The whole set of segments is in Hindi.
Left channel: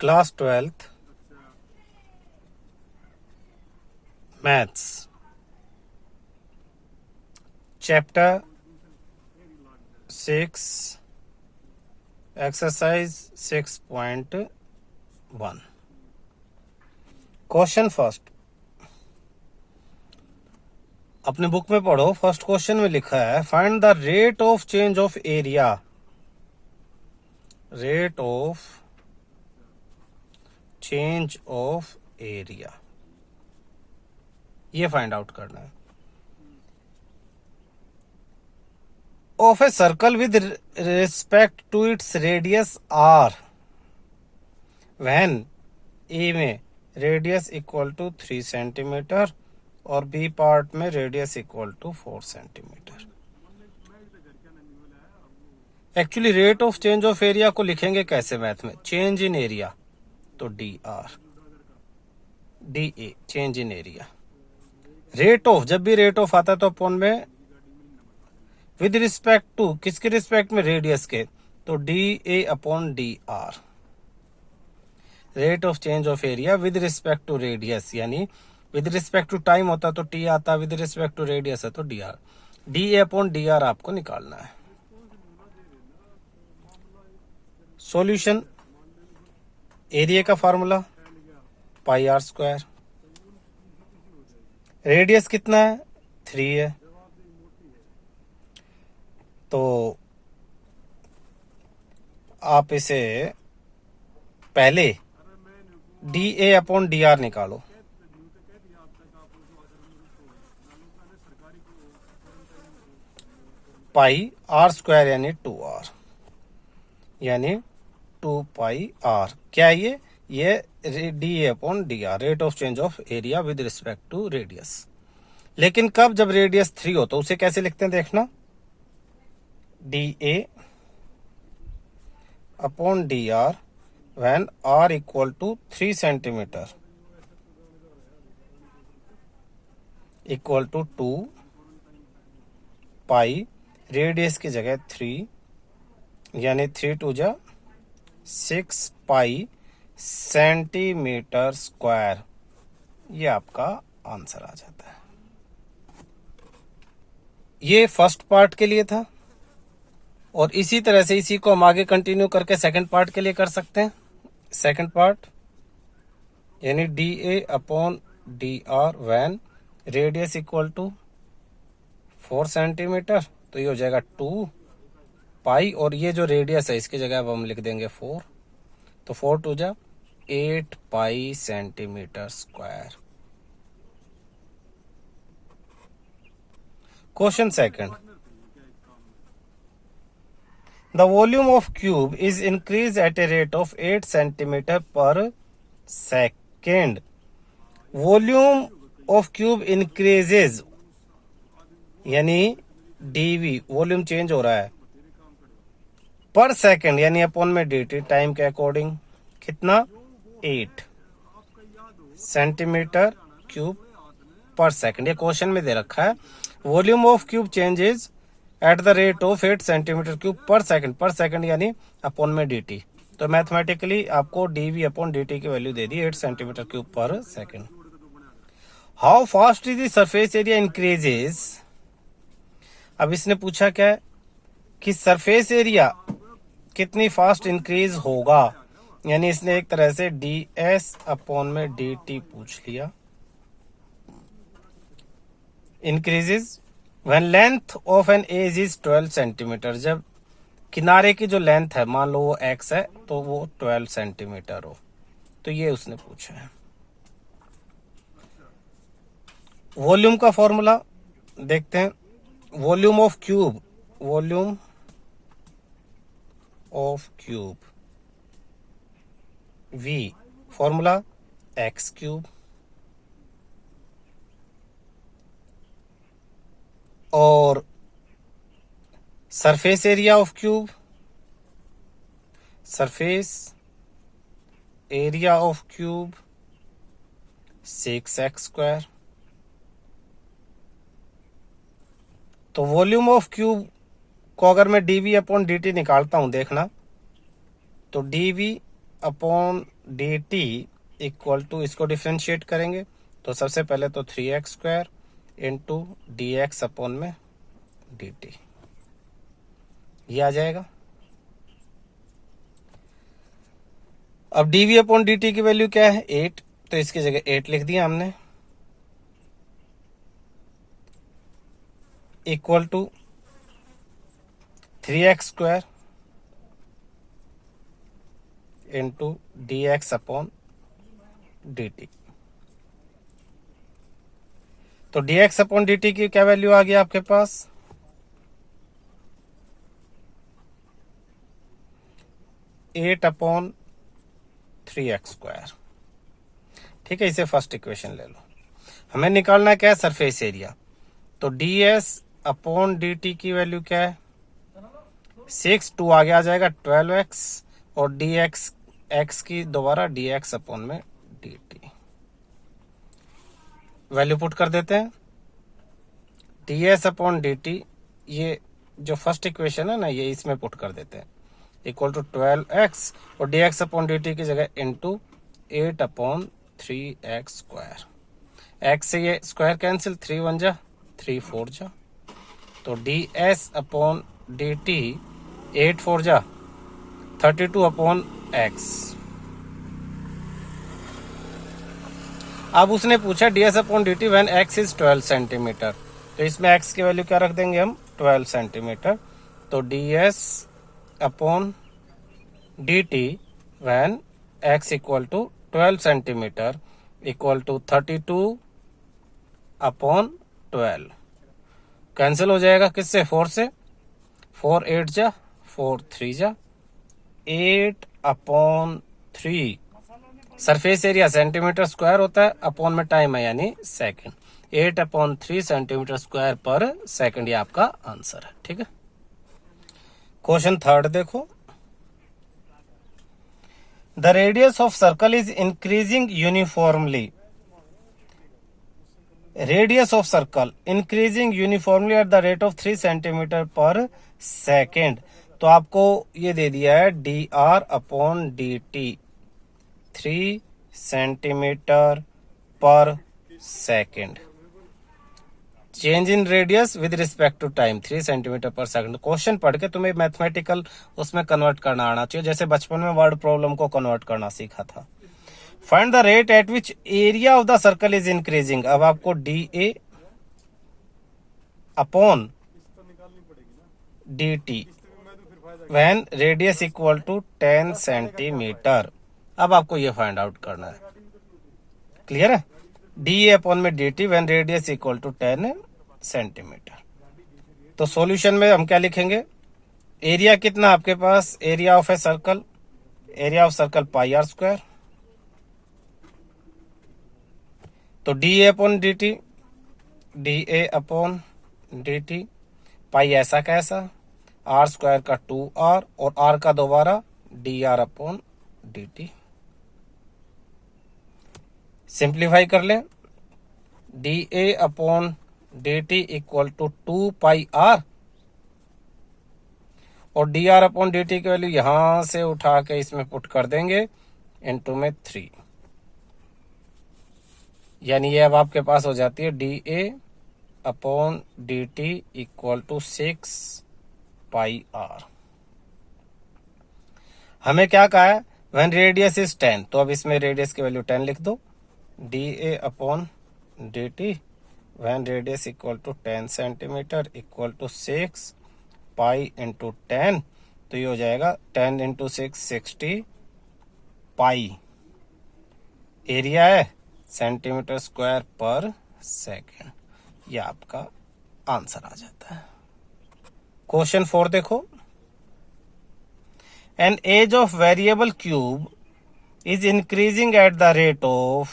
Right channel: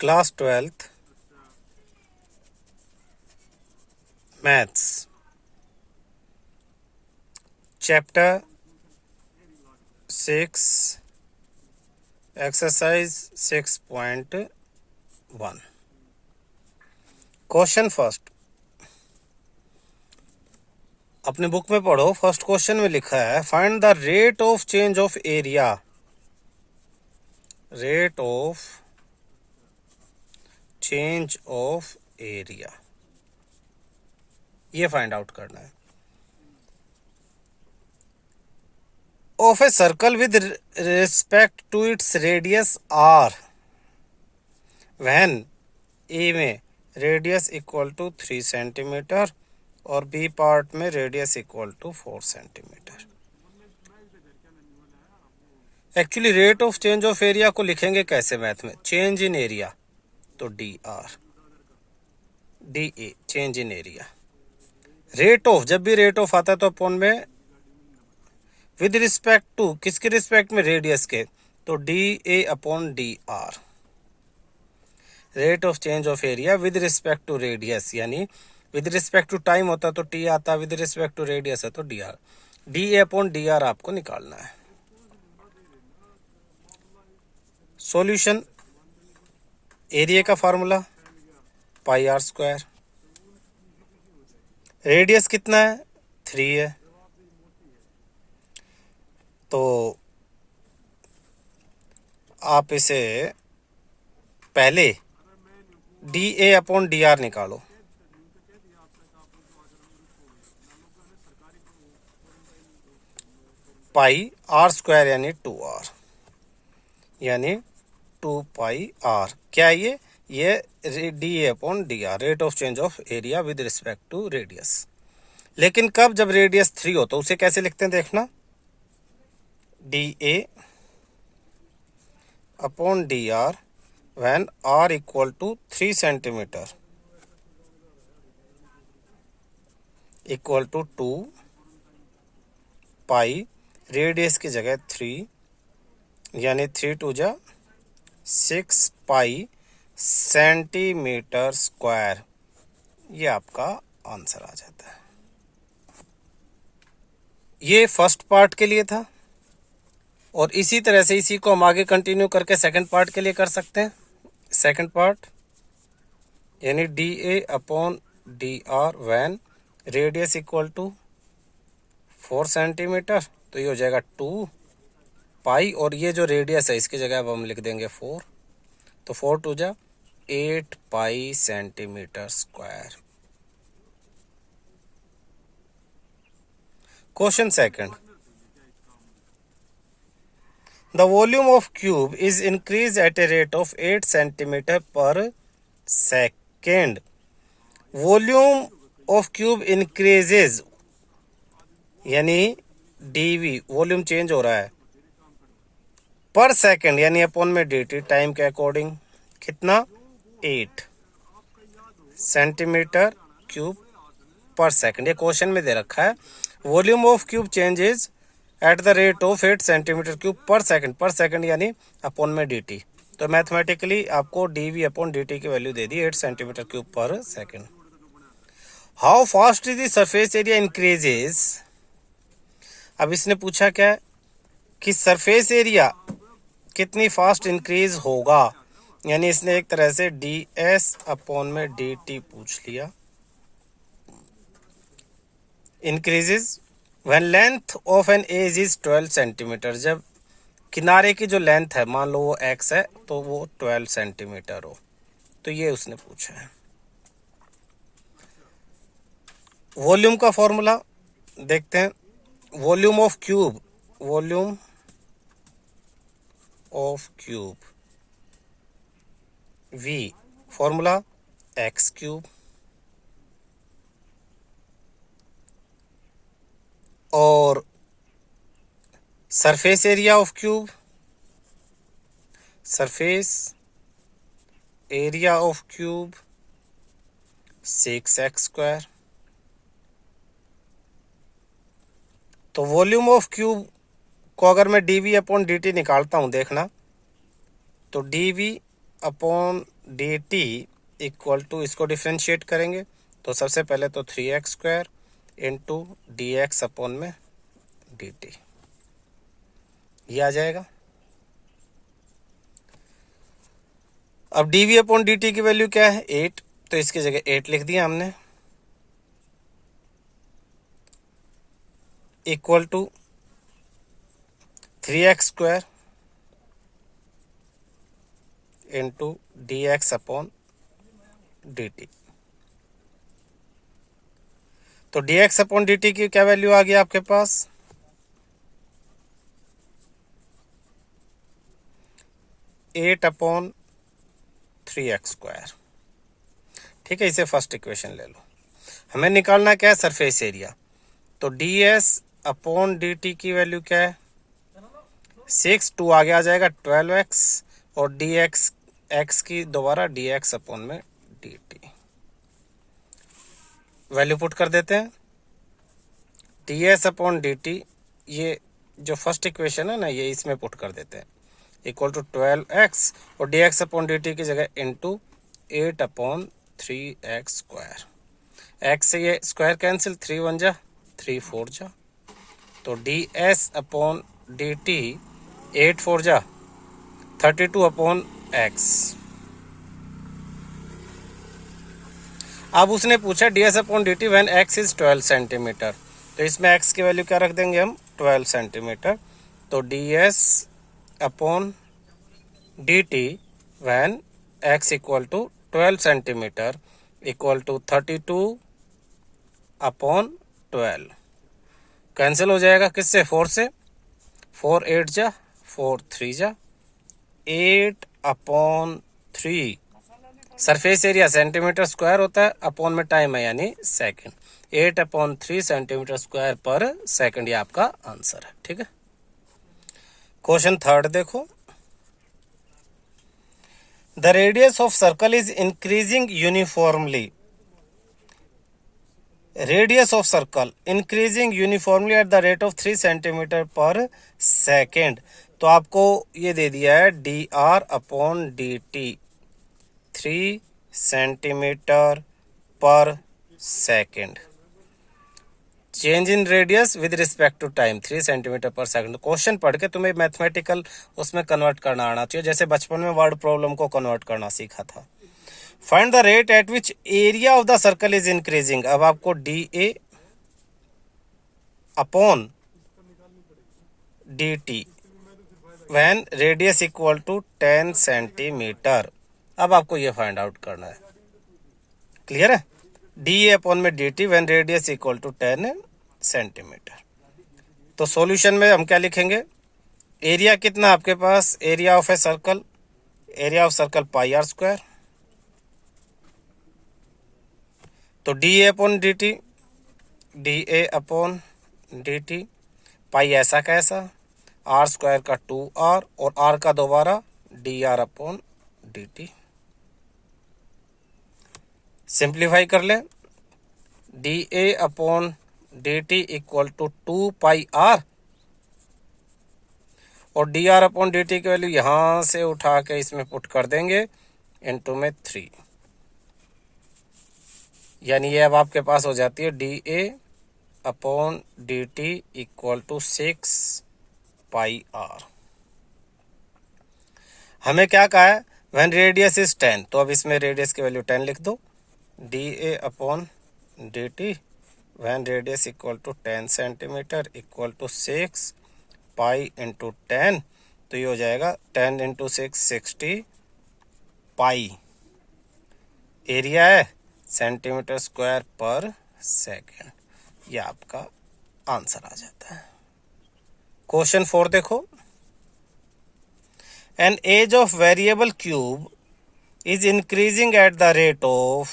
Class 12th maths chapter 6 exercise 6.1 question first. अपने बुक में पढ़ो, फर्स्ट क्वेश्चन में लिखा है find the rate of change of area. Rate of change of area ये फाइंड आउट करना है। Of a circle with respect to its radius r when a में रेडियस इक्वल टू 3 सेंटीमीटर और बी पार्ट में radius equal to 4 centimetre. Actually rate of change of area को लिखेंगे कैसे मैथ में? चेंज इन एरिया, तो d r d a change in area. Rate of, जब भी रेट ऑफ आता तो अपॉन में विद रिस्पेक्ट टू, किसके रिस्पेक्ट में? रेडियस के, तो d a upon d r. Rate of change of area with respect to radius, यानी विद रिस्पेक्ट टू टाइम होता तो टी आता, विद रिस्पेक्ट टू रेडियस है तो d r. D a upon d r आपको निकालना है। सॉल्यूशन, एरिया का formula pi r square. Radius कितना है? 3 है, तो आप इसे पहले d a upon d r निकालो। पाई आर स्क्वायर यानी 2r, यानी 2 पाई आर। क्या ये d a upon d r, rate of change of area with respect to radius. लेकिन कब? जब रेडियस 3 हो, तो उसे कैसे लिखते हैं देखना, d a upon d r when r equal to 3 centimetre equal to 2 pi, radius की जगह 3, यानी 3 2 जा 6 पाई सेंटीमीटर स्क्वायर। ये आपका आंसर आ जाता है। ये फर्स्ट पार्ट के लिए था, और इसी तरह से इसी को हम आगे कंटिन्यू करके सेकंड पार्ट के लिए कर सकते हैं। सेकंड पार्ट यानी d a upon d r when radius equal to 4 centimetre, तो ये हो जाएगा 2 पाई, और ये जो रेडियस है इसकी जगह अब हम लिख देंगे 4, तो 4 2 जा 8 पाई centimetre square. Question second, the volume of cube is increased at a rate of 8 centimeter per second. Volume of cube increases, यानी dv वॉल्यूम चेंज हो रहा है, पर सेकंड यानी अपॉन में dt, टाइम के अकॉर्डिंग कितना? 8 सेंटीमीटर क्यूब पर सेकंड। ये क्वेश्चन में दे रखा है volume of cube changes at the rate of 8 centimetre cube पर सेकंड। पर सेकंड यानी अपॉन में dt, तो मैथमेटिकली आपको dv अपॉन dt की वैल्यू दे दी 8 सेंटीमीटर क्यूब पर second. How fast is the surface area increases. अब इसने पूछा क्या कि सरफेस एरिया कितनी फास्ट इंक्रीज होगा, यानी इसने एक तरह से ds अपॉन में dt पूछ लिया। Increases when length of an edge is 12 centimetre, जब किनारे की जो लेंथ है, मान लो वो x है, तो वो 12 सेंटीमीटर हो, तो ये उसने पूछा है। वॉल्यूम का फॉर्मूला देखते हैं। Volume of cube, volume of cube v formula x cube, और surface area of cube, surface area of cube 6x square. तो वॉल्यूम ऑफ क्यूब को अगर मैं dv अपॉन dt निकालता हूं, देखना तो d v upon d t equal to, इसको डिफ्रेंशिएट करेंगे तो सबसे पहले तो 3x² into d x upon में डी टी, ये आ जाएगा। अब d v upon d t की वैल्यू क्या है 8, तो इसकी जगह 8 लिख दिया हमने, equal to 3x² into d x upon d t. तो d x upon d t की क्या वैल्यू आ गई आपके पास, 8/3x²। ठीक है, इसे फर्स्ट इक्वेशन ले लो। हमें निकालना क्या है, सरफेस एरिया। तो d s upon d t की वैल्यू क्या है 6, 2 आगे आ जाएगा 12x, और डी एक्स एक्स की दोबारा डी एक्स अपॉन में डी टी, वैल्यू पुट कर देते हैं। D s upon d t, ये जो फर्स्ट इक्वेशन है ना, ये इसमें पुट कर देते हैं, इक्वल टू 12x, और D x upon d t की जगह इंटू 8/3x²। एक्स से ये स्क्वायर कैंसिल, 3 1 जा 3 4 जा, तो d s upon d T 8 4 जा 32/x। अब उसने पूछा D s upon d t when x is 12 centimetre, तो इसमें एक्स की वैल्यू क्या रख देंगे हम 12 सेंटीमीटर। तो d s upon d t when x equal to 12 centimetre equal to 32/12, cancel हो जाएगा किससे, 4 से, 4 8 जा 4 3 जा 8/3। सरफेस एरिया सेंटीमीटर स्क्वायर होता है, अपॉन में टाइम है यानी second, 8/3 centimetre square per second, ये आपका आंसर है। ठीक है, क्वेश्चन थर्ड देखो। The radius of circle is increasing uniformly, radius of circle increasing uniformly at the rate of 3 centimetre per second. तो आपको ये दे दिया है d r upon d t 3 centimetre per second, change in radius with respect to time 3 centimetre पर सेकंड। क्वेश्चन पढ़ के तुम्हें मैथमेटिकल उसमें कन्वर्ट करना आना चाहिए, जैसे बचपन में वर्ड प्रॉब्लम को कन्वर्ट करना सीखा था। Find the rate at which area of the circle is increasing. अब आपको d a upon d t when radius equal to 10 centimetre, अब आपको ये फाइंड आउट करना है। क्लियर है, डी ए अपॉन में d t when radius equal to 10 centimetre. तो सॉल्यूशन में हम क्या लिखेंगे, एरिया कितना आपके पास, area of a circle, area of circle pi r square, तो d a upon d t, d a upon d t, pi ऐसा कैसा, आर स्क्वायर का 2r और r का दोबारा d r upon d t. Simplify कर ले, d a upon d t equal to 2πr, और d r upon d t की वैल्यू यहां से उठा के इसमें पुट कर देंगे इनटू में 3, यानी ये अब आपके पास हो जाती है d a upon d t equal to 6πr। हमें क्या कहा है, व्हेन रेडियस इज 10, तो अब इसमें रेडियस की वैल्यू 10 लिख दो, d a upon d t when radius equal to 10 centimetre equal to 6 pi into 10, तो ये हो जाएगा 10 इंटू 6 60 पाई, एरिया है सेंटीमीटर स्क्वायर पर सेकेंड, ये आपका आंसर आ जाता है। क्वेश्चन 4 देखो, an edge of variable cube is increasing at the rate of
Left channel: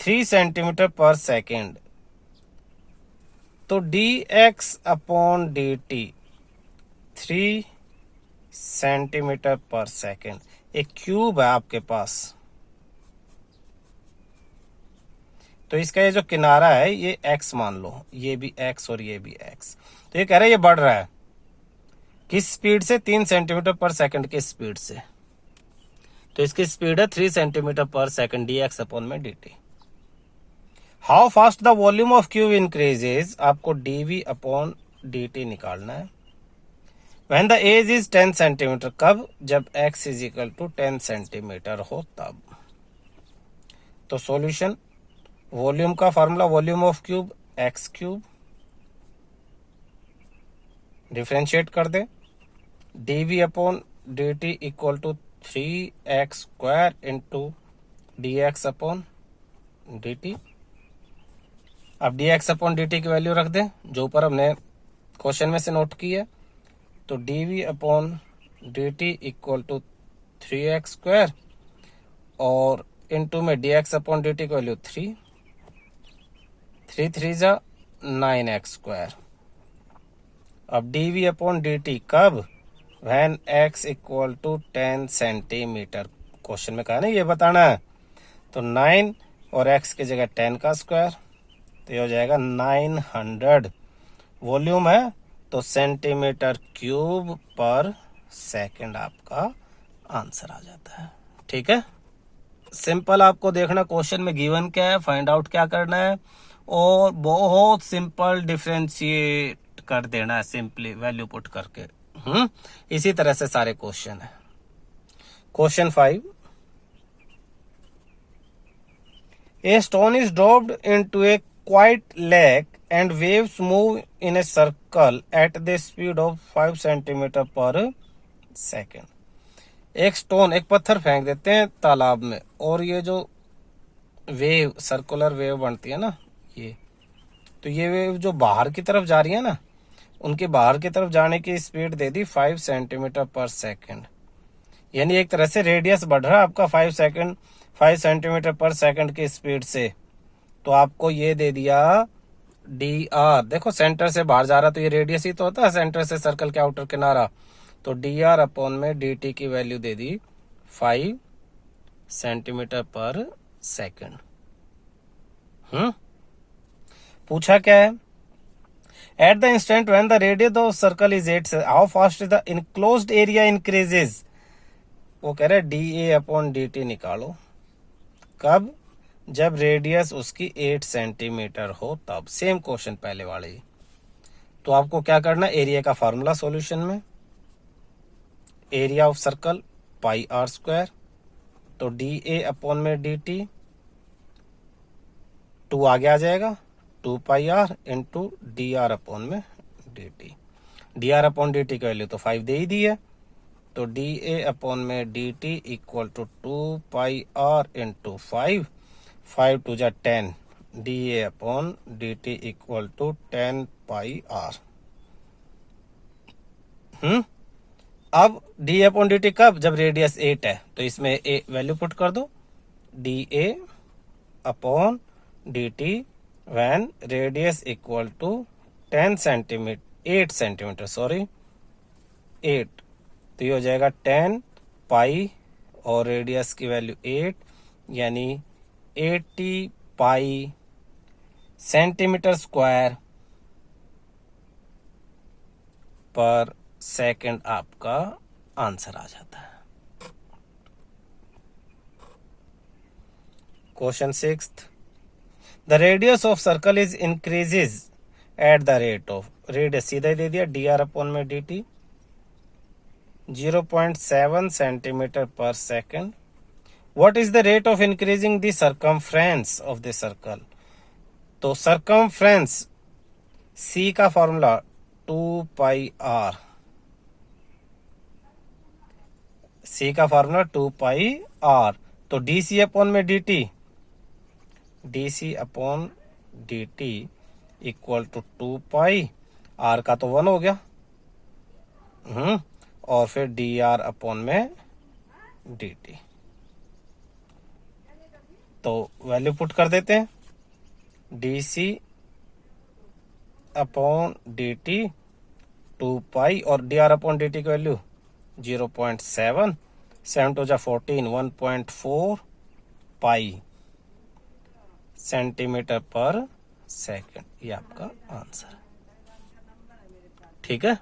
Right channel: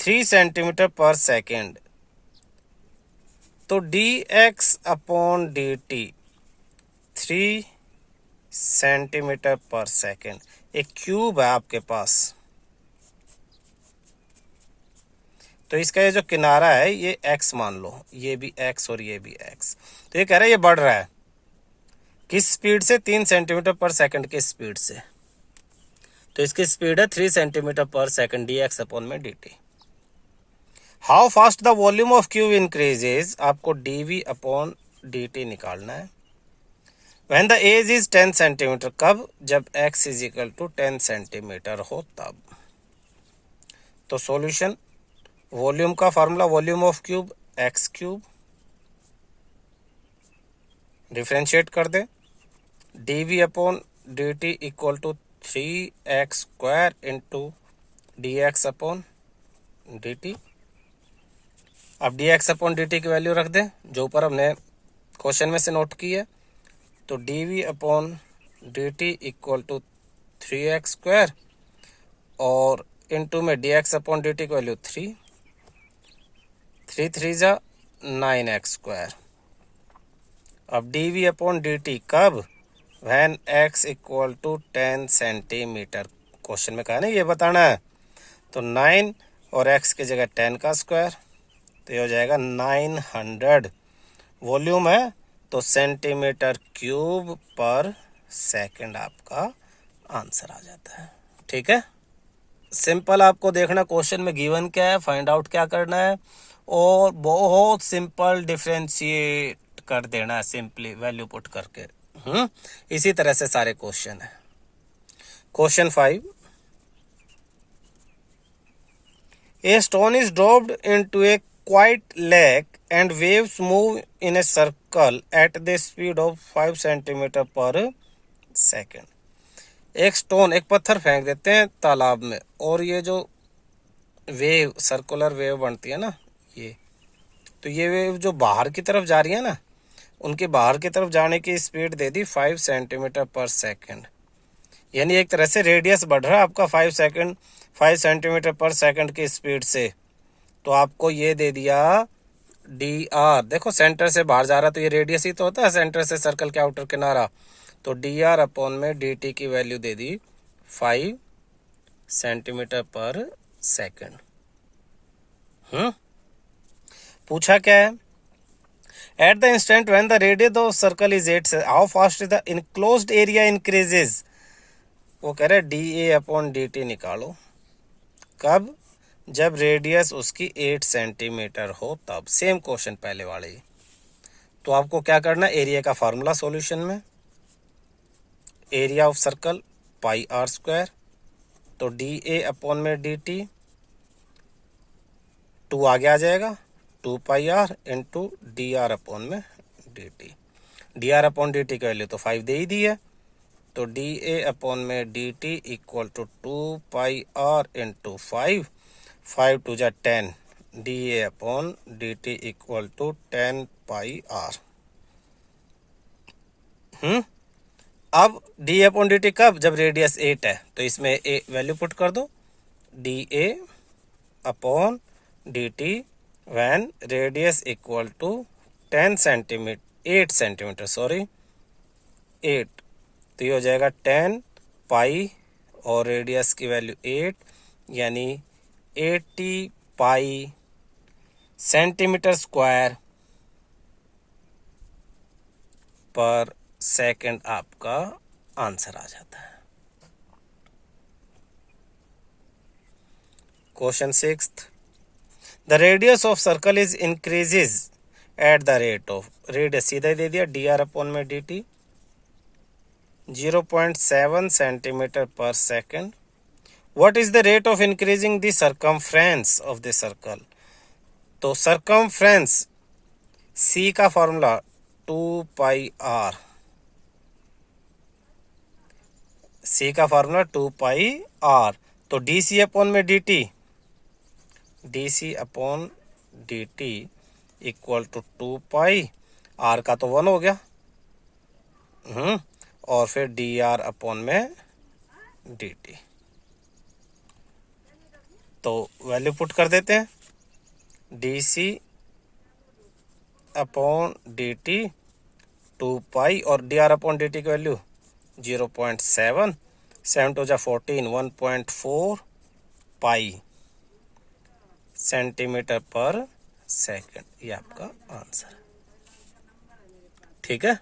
3 centimetre per second, तो d x upon d t 3 centimetre per second, एक क्यूब है आपके पास, तो इसका ये जो किनारा है ये x मान लो, ये भी x और ये भी x, तो ये कह रहा है ये बढ़ रहा है, किस स्पीड से? 3 सेंटीमीटर पर सेकंड की स्पीड से। तो इसकी स्पीड है 3 सेंटीमीटर पर सेकंड dx अपॉन में dt। How fast the volume of cube increases, आपको dv अपॉन dt निकालना है। When the edge is 10 centimetre, कब? जब x is equal to 10 centimetre हो तब। तो सॉल्यूशन, वॉल्यूम का formula volume of cube x cube, differentiate कर दे, dv upon dt equal to 3x square into dx upon dt। अब dx अपॉन dt की वैल्यू रख दें जो ऊपर हमने क्वेश्चन में से नोट की है। तो dv upon dt equal to 3x square और इंटू में dx अपॉन dt की वैल्यू 3 3 जा 9x स्क्वायर। अब dv अपॉन dt कब? When x equal to 10 centimetre. Question में कहा ना ये बताना है। तो 9 और x की जगह 10 का स्क्वायर, तो ये हो जाएगा 900। वॉल्यूम है तो सेंटीमीटर क्यूब पर सेकंड आपका आंसर आ जाता है। ठीक है, सिंपल आपको देखना क्वेश्चन में गिवन क्या है, फाइंड आउट क्या करना है और बहुत सिंपल डिफरेंशिएट कर देना है, सिंपली वैल्यू पुट करके। इसी तरह से सारे क्वेश्चन है। Question 5, a stone is dropped into A quite lake and waves move in a circle at the speed of 5 centimetre per second. एक स्टोन, एक पत्थर फेंक देते हैं तालाब में और ये जो वेव, सर्कुलर वेव बनती है ना ये, तो ये वेव जो बाहर की तरफ जा रही है ना, उनके बाहर की तरफ जाने की स्पीड दे दी 5 सेंटीमीटर पर सेकेंड। यानी एक तरह से रेडियस बढ़ रहा है आपका 5 सेंटीमीटर पर सेकेंड की स्पीड से। तो आपको ये दे दिया dr, देखो सेंटर से बाहर जा रहा तो ये रेडियस ही तो होता है, सेंटर से सर्कल के आउटर किनारा। तो dr अपॉन में dt की वैल्यू दे दी 5 सेंटीमीटर पर सेकेंड। पूछा क्या है? At the instant when the radius of circle is 8, how fast the enclosed area increases. वो कह रहे dA अपॉन dt निकालो, कब? जब रेडियस उसकी 8 सेंटीमीटर हो तब। सेम क्वेश्चन पहले वाले ही। तो आपको क्या करना, एरिया का फार्मूला सॉल्यूशन में, area of circle pi r square, तो dA अपॉन में dt 2 आगे आ जाएगा, 2 pi r into dr upon में dt। dr अपॉन dt की वैल्यू तो 5 दे ही दी है, तो dA अपॉन में dt equal to 2 pi r into 5 two जा 10, dA upon dt equal to 10 pi r. अब dA अपॉन dt कब? जब रेडियस 8 है, तो इसमें ए वैल्यू पुट कर दो, dA upon dt when radius equal to 8 centimetre sorry 8, तो ये हो जाएगा 10 पाई और रेडियस की वैल्यू 8, यानी 80 पाई सेंटीमीटर स्क्वायर पर सेकंड आपका आंसर आ जाता है। Question 6, the radius of circle is increases at the rate of, radius सीधा ही दे दिया dr अपॉन में dt 0.7 centimetre per second. What is the rate of increasing the circumference of the circle? तो circumference C का फॉर्मूला 2 पाई r, C का फॉर्मूला 2 पाई r, तो dc अपॉन में dt, dc upon dt equal to 2 pi, r का तो 1 हो गया, और फिर dr अपॉन में dt। तो वैल्यू पुट कर देते हैं, dc अपॉन dt 2 पाई और dr अपॉन dt की वैल्यू 0.7, 7 टू जा 14, 1.4 पाई सेंटीमीटर पर सेकेंड, ये आपका आंसर। ठीक है।